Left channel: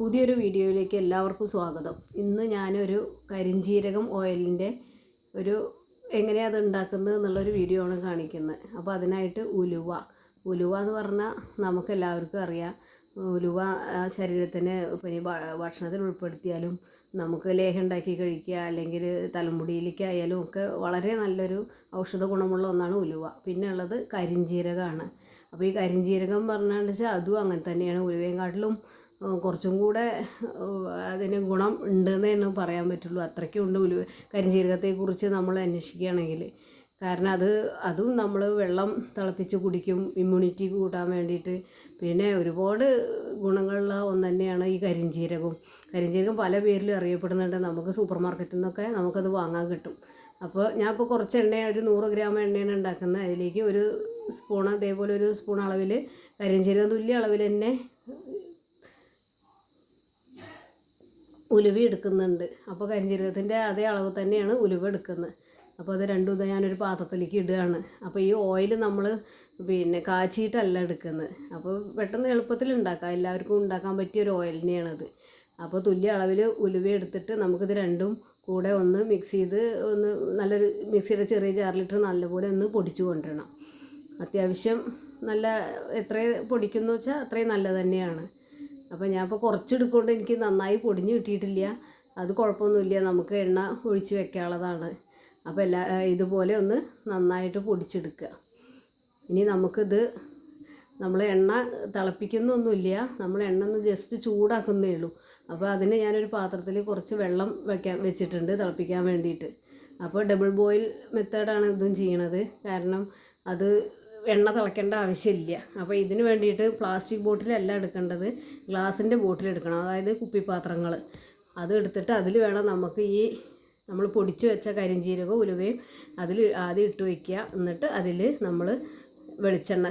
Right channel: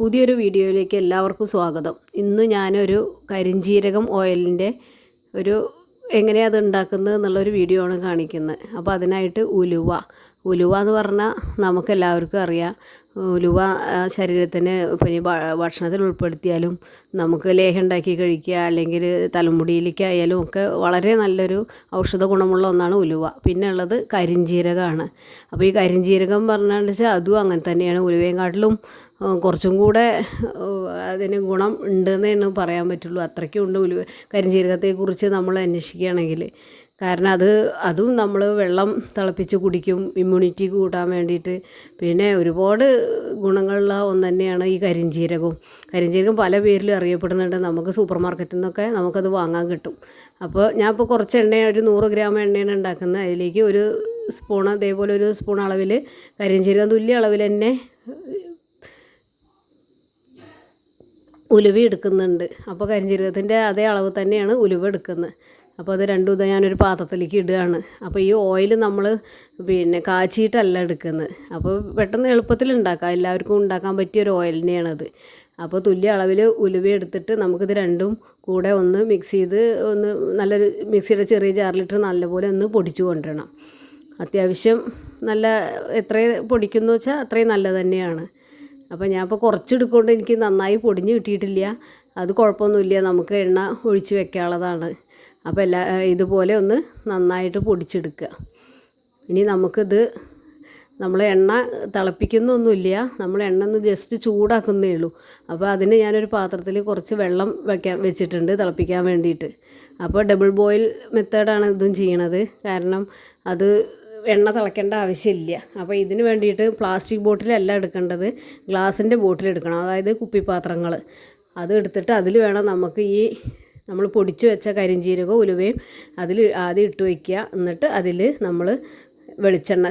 പുതിയൊരു വീഡിയോയിലേക്ക് എല്ലാവർക്കും സ്വാഗതം. ഇന്ന് ഞാനൊരു കരിഞ്ജീരകം ഓയിലിൻ്റെ എങ്ങനെയാണ് അത് ഉണ്ടാക്കുന്നത് എന്നുള്ളൊരു വീഡിയോ ആണ് കാണിക്കുന്നത്. അപ്പോൾ അതിനായിട്ട് ഉലുവ എന്ന് പറഞ്ഞാൽ നമുക്കെല്ലാവർക്കും അറിയാം. ഉലുവ ശരീരത്തിന് പിന്നെ ഭക്ഷണത്തിൽ ഉൾപ്പെടുത്തിയാലും നമുക്ക് ലേഹ്യം ഉണ്ടാക്കി കഴിക്കുക, അല്ലെങ്കിൽ തലമുടിയിലേക്കായാലും ഒക്കെ വളരെ നല്ലൊരു ഔഷധ ഗുണമുള്ള ഒന്നാണ് ഉലുവ. പിന്നെ ഉള്ളത് കരിഞ്ജീരകമാണ്. അപ്പോൾ ഈ കരിഞ്ജീരകം പറഞ്ഞാൽ അതും അങ്ങനെ തന്നെയാണ്. ഉലുവയെക്കാട്ടിലും കുറച്ചും കൂടെ അതിന് ഗുണം ഉണ്ടെന്നേ പറയാൻ പറ്റുള്ളൂ. അത്രയ്ക്കും ഉണ്ട് കരിഞ്ജീരകത്തെക്കുറിച്ച് നമ്മൾ അന്വേഷിക്കുകയാണെങ്കിൽ. കാരണം അതും നമ്മൾ വെള്ളം തിളപ്പിച്ച് കുടിക്കും, ഇമ്മ്യൂണിറ്റി കൂട്ടാൻ വേണ്ടിയിട്ട്. പിന്നെ ഒരുപാട് ഗുണങ്ങളുള്ള ഒന്ന് തന്നെയാണ് ഈ കരിഞ്ജീരകം പല പേരിലും അറിയപ്പെടുന്നുണ്ട്. നമുക്ക് സൂപ്പർ മാർക്കറ്റിൽ നിന്നൊക്കെ നമുക്കത് വാങ്ങാൻ കിട്ടും. അപ്പോൾ ഞാൻ ഇപ്പോൾ കുറച്ച് ഒരു 100 ഗ്രാം എണ്ണയാണ് ഉണ്ടാക്കുന്നത്. അതിലേക്ക് ഒരു സ്പൂൺ, അതേപോലെ ഒരു സ്പൂൺ അളവിൽ കരിഞ്ജീരകം, തുല്യ അളവിൽ തന്നെ ഉലുവ എടുക്കുന്നുണ്ട്. അപ്പോൾ കരിഞ്ജീരകത്തിൻ്റെ അതേ അളവ് തന്നെയാണ് ഉലുവ എടുക്കുന്നത്. അപ്പോൾ അത് രണ്ടും ഇതാ ഞാനൊരു പാത്രത്തിലേക്ക് ഇടുകയാണ്. അപ്പോൾ ഈ ഓയിൽ നമ്മൾ കാച്ചിയിട്ടല്ല എടുക്കുന്നത്. അപ്പോൾ പെട്ടെന്ന് എളുപ്പത്തിൽ ഉണ്ടാക്കാം, എല്ലാവർക്കും ഉണ്ടാക്കാൻ പറ്റിയൊരു ഓയിൽ തന്നെയാണത്. അപ്പോൾ തുല്യ അളവിൽ ഉലുവ എടുത്തിട്ട് നമുക്കിത് രണ്ടും കൂടെ ഒന്ന് മിക്സ് ചെയ്ത് നല്ലൊരു മിക്സിയുടെ ചെറിയ ജാറിലിട്ട് നല്ലപോലെ ഒന്ന് പൊടിച്ചു കൊണ്ടുവരണം. അത്യാവശ്യം നല്ല എത്ര പൊടിക്കുന്നു വെച്ചാൽ അത്രയും നല്ലത് തന്നെയാണ്. അപ്പോൾ ഞാൻ ഇപ്പോൾ കുറച്ചെടുക്കൊണ്ട് എനിക്ക് നന്നായി പൊടിഞ്ഞ് കിട്ടിയിട്ടില്ല. അത് കുഴപ്പമൊന്നുമില്ല, നമുക്ക് എണ്ണ ഒഴിച്ച് വെക്കാനുള്ളതാണ്. അപ്പോൾ ഇതുപോലെ ഒന്ന് നന്നായിട്ട് പൊടിച്ചെടുക്കുക. ഇനി നമ്മൾ എണ്ണ തിളപ്പിക്കുന്നൊന്നുമില്ല, നമ്മൾ എണ്ണ ഒന്ന് ജസ്റ്റ് ചൂടാക്കുന്നേ ഉള്ളൂ. അപ്പോൾ അതിന് ഞാനൊരു പാത്രത്തിൽ കുറച്ച് വെള്ളം വെച്ചിട്ടുണ്ട് തിളപ്പിക്കാൻ വേണ്ടിയിട്ട്. അപ്പോൾ ഡബിൾ ബോയിൽ മെത്തേഡാണ് ഇതും ചെയ്യണത്. കാരണം അത് എണ്ണ തിളയ്ക്കേണ്ട ആവശ്യമില്ല. അപ്പോൾ ഇതിന് വേണ്ടിയിട്ട് പ്ലാസ്റ്റിക് ബോട്ടിലല്ല എടുക്കേണ്ടത്, ഗ്ലാസിൻ്റെ ബോട്ടിൽ എടുക്കണം. അതായത് കുപ്പിപ്പാത്രങ്ങൾ അത് എടുത്തിട്ട് അതിൽ വേണം നമുക്ക് നമ്മൾ പൊടിച്ച് വെച്ച കരിഞ്ജീരകവും ഉലുവയും അതിൽ ആദ്യം ഇട്ട് വയ്ക്കുക. എന്നിട്ട് അതിൽ നമ്മൾ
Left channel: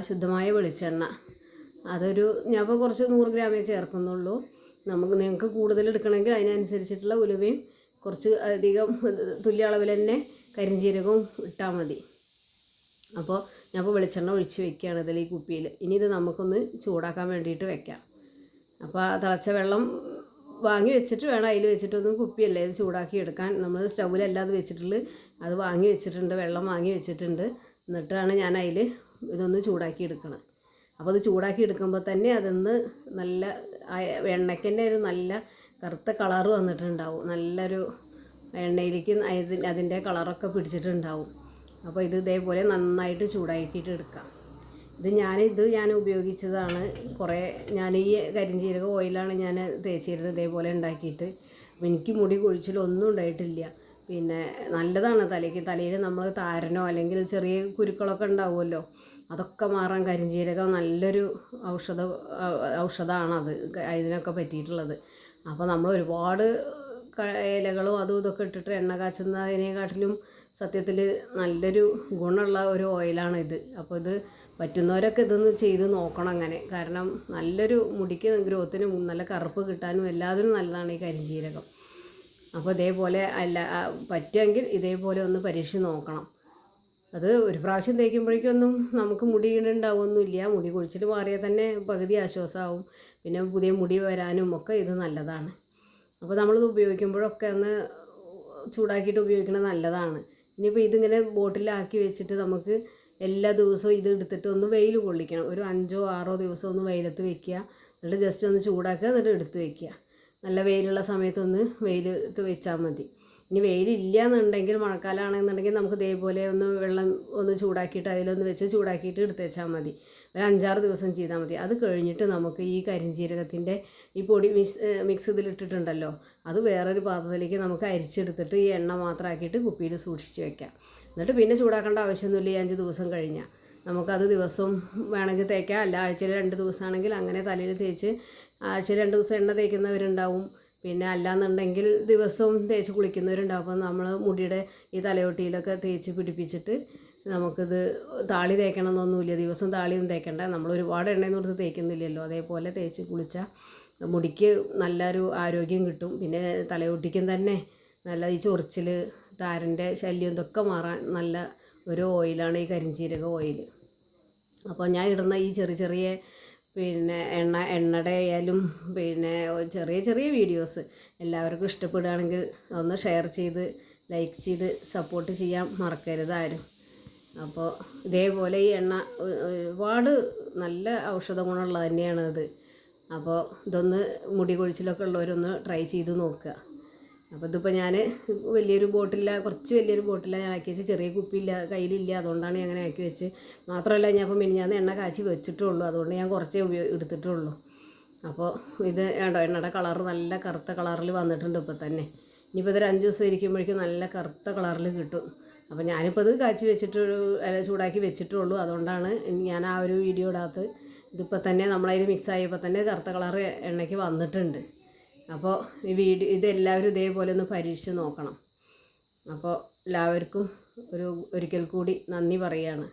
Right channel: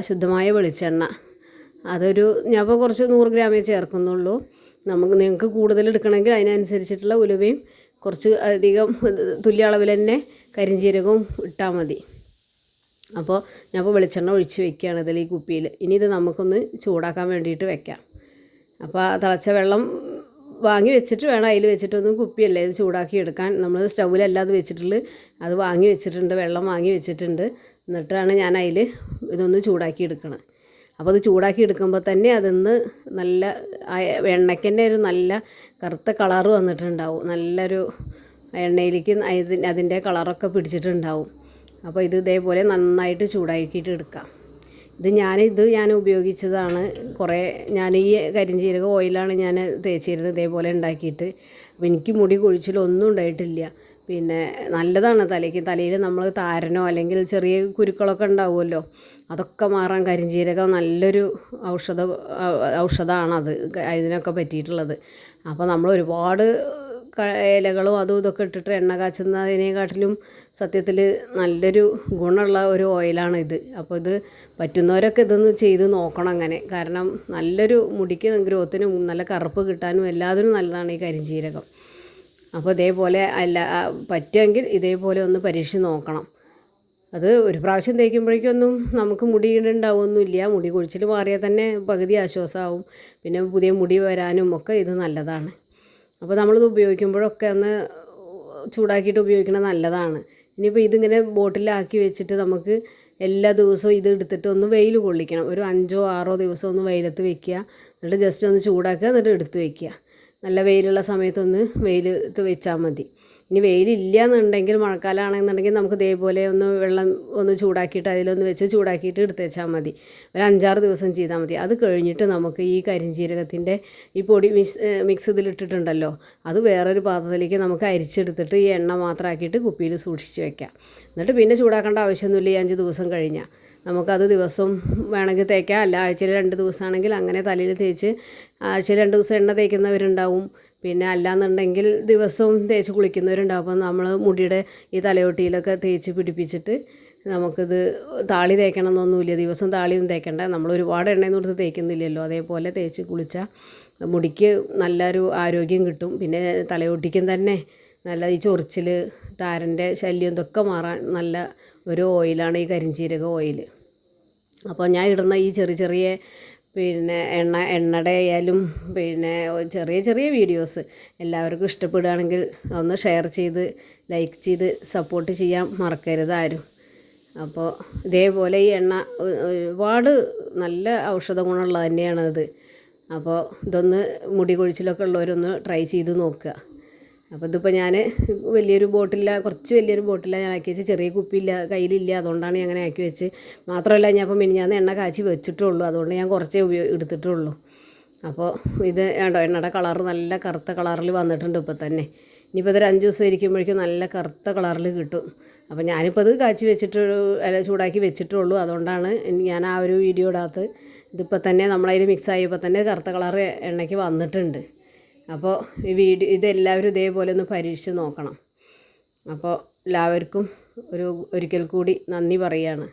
ശുദ്ധമായ വെളിച്ചെണ്ണ, ഞാൻ ഇപ്പോൾ കുറച്ച് 100 ഗ്രാമേ ചേർക്കുന്നുള്ളൂ. നിങ്ങൾക്ക് കൂടുതൽ എടുക്കണമെങ്കിൽ അതിനനുസരിച്ചിട്ടുള്ള ഉലുവയും കുറച്ച് അധികം തുല്യ അളവിൽ തന്നെ കരിഞ്ജീരകവും ഇട്ടാൽ മതി. അപ്പോൾ ഞാൻ വെളിച്ചെണ്ണ ഒഴിച്ച് വെക്കുകയാണ് ഈ കുപ്പിയിൽ. ഇനി ഇത് നമുക്കൊന്ന് ചൂടാക്കാൻ വേണ്ടിയിട്ട് വെക്കാം. അപ്പോൾ തിളച്ച വെള്ളം വാങ്ങി വെച്ചിട്ട് വേണം അതിൽ വെച്ചിട്ടൊന്നും കുപ്പിയല്ലേ ഇത് ചൂടാക്കി എടുക്കാൻ. നമ്മൾ സ്റ്റൗവിലല്ലാതെ വെച്ചിട്ടുള്ളത്, അത് വാങ്ങി വെച്ചിട്ടുണ്ട്, വെള്ളം വാങ്ങി വെച്ചിട്ടുണ്ട്. എന്നിട്ടാണ് ഞാൻ അതിൽ ഇതൊന്ന് ചൂടാക്കി എടുക്കുന്നത്. അപ്പോൾ അത് ചൂടാക്കി എടുക്കുമ്പോൾ തന്നെ അതിന്ന് നല്ല എണ്ണയ്ക്ക് തന്നെ ഒരു നല്ല കറുത്ത കളറ് വന്നിട്ടുണ്ടാവും. നല്ലൊരു എണ്ണയിലേക്ക് അതിൻ്റെ കളറൊക്കെ പിടിച്ചിട്ടുണ്ടാവും. അപ്പോൾ ഇതേപോലെ നന്നായിട്ട് ചൂടാക്കിയിട്ട് എടുക്കാം. ഞാൻ ഉപയോഗിച്ചതാണ് ഞാൻ ഈ കരിഞ്ജീരക ഓയിലാണ് ഞാൻ തേച്ചിരുന്നത് ഇതേപോലെ ഉണ്ടാക്കിയിട്ട്. അപ്പോൾ എനിക്ക് മുടി കൊഴിച്ചിലൊന്നും ഉണ്ടായിട്ടില്ല. പിന്നെ നല്ലതാണ് തലയിൽ നമ്മൾ താരനോ അല്ലെങ്കിൽ ചെറിയ കുരുക്കളൊക്കെ ഉണ്ടാവുമല്ലോ, അതൊക്കെ മാറാൻ കരിഞ്ജീരകം നല്ലൊരു ഔഷധമാണത് ഇതിനൊക്കെ പറ്റിയിട്ടുള്ളത്. അപ്പോൾ നമ്മൾ ഒരുപാട് ഇലകളും ഇതൊക്കെ ഇട്ടിട്ട് എണ്ണ കാച്ചുന്നതിനെക്കാട്ടിലും സത്യത്തിൽ നല്ലൊരു ഗുണമുള്ള ഒരു ഓയിലാണിത്. അപ്പോൾ ഇത് പറ്റുന്നവരൊക്കെ ഇതൊന്ന് ചെയ്ത് നോക്കണം അങ്ങനെ. കാരണം നല്ലൊരു മുടിക്ക് ഗ്രോത്തിനും നല്ല കറുപ്പ് കിട്ടാനും എല്ലാത്തിനും നല്ലതാണ് ഈ കരിഞ്ജീരകം. അപ്പോൾ ഇതേപോലെ പറ്റുമെങ്കിൽ ഇതേപോലെ ഒന്ന് പരീക്ഷിച്ച് നോക്കണം. അത് ഒരു പ്രാവശ്യം തേക്കുമ്പോഴേക്കൊന്നും നമുക്ക് മുടി ഉണ്ടാവുമൊന്നുമില്ല. മുടി കൊഴിച്ചിൽ മാറിയാൽ തന്നെ പകുതി ആശ്വാസമാവും. പിന്നെ പുതിയ മുടി വരാനും ഒക്കെ ഇത് നല്ലതാണ്. അപ്പോൾ നമ്മളിത് ഉപയോഗിക്കുമ്പോഴൊക്കെ ഒന്ന് ചൂടാക്കിയിട്ട് ഉപയോഗിക്കുന്നത് നല്ലതാണ്. ഇനിയിപ്പോൾ ഇതിങ്ങനെ ബോട്ടിലാക്കി വെച്ചിട്ട് നമുക്ക് എല്ലാ ദിവസവും ഇത് എടുത്തിട്ട് ഒന്ന് വെയിൽ കൊള്ളിക്കണം. ഒരു 5-6 ദിവസം ഒന്ന് വെയിലത്ത് വെക്കുക. എന്നിട്ട് ജസ്റ്റ് ഒന്ന് ചൂടാക്കുക, എന്നിട്ട് എടുത്ത് വെക്കുക. നല്ല വെയിലുള്ള സമയത്തൊന്ന് വെയിലത്ത് വെച്ചാൽ മതി. ഇനി വെയിലില്ല എന്നുണ്ടെങ്കിൽ, മഴക്കാലമാണെന്നുണ്ടെങ്കിൽ നമുക്ക് ഇതേപോലെ വെള്ളം ചൂടാക്കിയിട്ട് അതിലൊന്ന് വെച്ച് ചൂടാക്കിയിട്ട് എടുത്ത് വെച്ചാൽ മതി. ഒരു 5-6 ദിവസം ചെയ്താൽ മതി. അത് കഴിഞ്ഞിട്ട് നമുക്ക് ഈ കരിഞ്ജീരകത്തിൻ്റെ ഈ പൊടി മിക്സ് ഇതിലിട്ടിട്ടുണ്ടല്ലോ, അത് വേറൊരു പാത്രത്തിലേക്ക് നമുക്ക് അരിച്ചെടുത്തിട്ട് ഈ എണ്ണ മാത്രമാക്കിയിട്ട് കുപ്പിയിൽ സൂക്ഷിച്ച് വെക്കാം. എന്നിട്ട് പിന്നെ ചൂടാക്കേണ്ട ആവശ്യമൊന്നുമില്ല. 5 ദിവസം കഴിഞ്ഞാൽ നമുക്കത് ദിവസം വേണമെങ്കിൽ തേക്കാം. അല്ല ആഴ്ചയിൽ 2 ദിവസമാണെങ്കിൽ അങ്ങനെ തലയിൽ തേച്ച് ആഴ്ചയിൽ 2 ദിവസം എണ്ണ തേക്കുന്നവരുണ്ടാവും. പിന്നെ അല്ലാന്നുണ്ടെങ്കിൽ ദിവസവും തേച്ച് കുളിക്കുന്നവരുണ്ടാവും. അപ്പോൾ നമ്മൾ മുടിയുടെ ഈ തലയോട്ടിയിലൊക്കെ തേച്ച് പിടിപ്പിച്ചിട്ട് നമുക്കിത് താളി തേക്കണം എന്നൊന്നുമില്ല. ദിവസം താളിയൊന്നും തേക്കണ്ട, നമ്മൾ ഒരുപാട് എണ്ണയൊന്നും കൊടുത്ത് തേക്കുന്നില്ലല്ലോ. അതേപോലെ തേച്ച് കുളിച്ചാൽ മുടിക്ക് നല്ലൊരു ആരോഗ്യം കിട്ടും. പിന്നെ തലയോട്ടിക്കും തന്നെ നല്ല ഈ ചൊറിച്ചിൽ, താരൻ്റെ ശല്യം ഇതൊക്കെ മാറാൻ നല്ല ഒരു ഓയിലാണ് ഈ കരിഞ്ജീരക ഓയിൽ. അപ്പോൾ ഞാൻ ഇടുന്ന ഈ ചെറിയ പിന്നെ എണ്ണയുടെ ആയാലും പിന്നെ ചെറിയ ചെറിയ വീഡിയോസ് എല്ലാവർക്കും ഇഷ്ടപ്പെടുകയാണെങ്കിൽ ഒന്ന് ഷെയർ ചെയ്ത് ലൈക്ക് ചെയ്ത് സപ്പോർട്ട് ചെയ്യാൻ മറക്കരുത് ആരും. അപ്പോൾ ഇതേപോലെ ഈ എണ്ണ ഒരുപാട് നല്ല ഔഷധ ഗുണമുള്ളത് തന്നെയാണത്. അപ്പോൾ ഇതൊന്ന് മുടി കൊഴിച്ചിലൊക്കെ ഉള്ളവരൊന്ന് ട്രൈ ചെയ്ത് നോക്കുക. അപ്പോൾ ഇതിപ്പോൾ ഞാൻ വലിയൊരു ബോട്ടില്ല, കുറച്ച് വലിയൊരു ബോട്ടില്ല ഞാൻ ആക്കി വെച്ച്, ചെറിയ കുപ്പിയില്ല കയ്യിലില്ല, അതുകൊണ്ടാണ് ഞാൻ അങ്ങനെ ആക്കി വെച്ച്. മാത്രമല്ല ഞാൻ ഇപ്പോൾ മിനിഞ്ഞാന്ന് എണ്ണ കാച്ചി വെച്ചിട്ടുള്ളൂ, അതുകൊണ്ട് ഞാൻ കുറച്ചേ എടുത്തിട്ടുള്ളൂ. അപ്പോൾ ഇത് വേണ്ടോ, എണ്ണയുടെ കളറ് നല്ല കറുത്ത കളറിൽ വന്നിട്ടുണ്ട് ഇപ്പോൾ തന്നെ. ഇനിയിപ്പോൾ ഇതൊരു 5 ദിവസം ഇരിക്കുമ്പോഴേക്കും നല്ല കറുത്ത കളറിൽ കിട്ടും. അപ്പോൾ ഞാനിപ്പോൾ ഇത് കാച്ചി വെച്ചിട്ട് ചൂടാക്കി വെച്ചിട്ടുള്ളൂ, അതുകൊണ്ടാണ് ഞാൻ ആ ഒരു വീഡിയോ ഇടാത്തത്. ഇതിപ്പോൾ തന്നെ നമ്മളതിൽ മിക്സ് ആയപ്പോൾ തന്നെ കറുത്ത കളറ് എണ്ണയ്ക്ക് വന്നിട്ടുണ്ട്. അപ്പോൾ ഈ ഇതെല്ലാവരും ഇതേപോലെ ഒന്ന് പരീക്ഷിച്ച് നോക്കണം. അപ്പോൾ എല്ലാവർക്കും ഒരിക്കൽ കൂടി നന്ദി പറയുകയാണ്.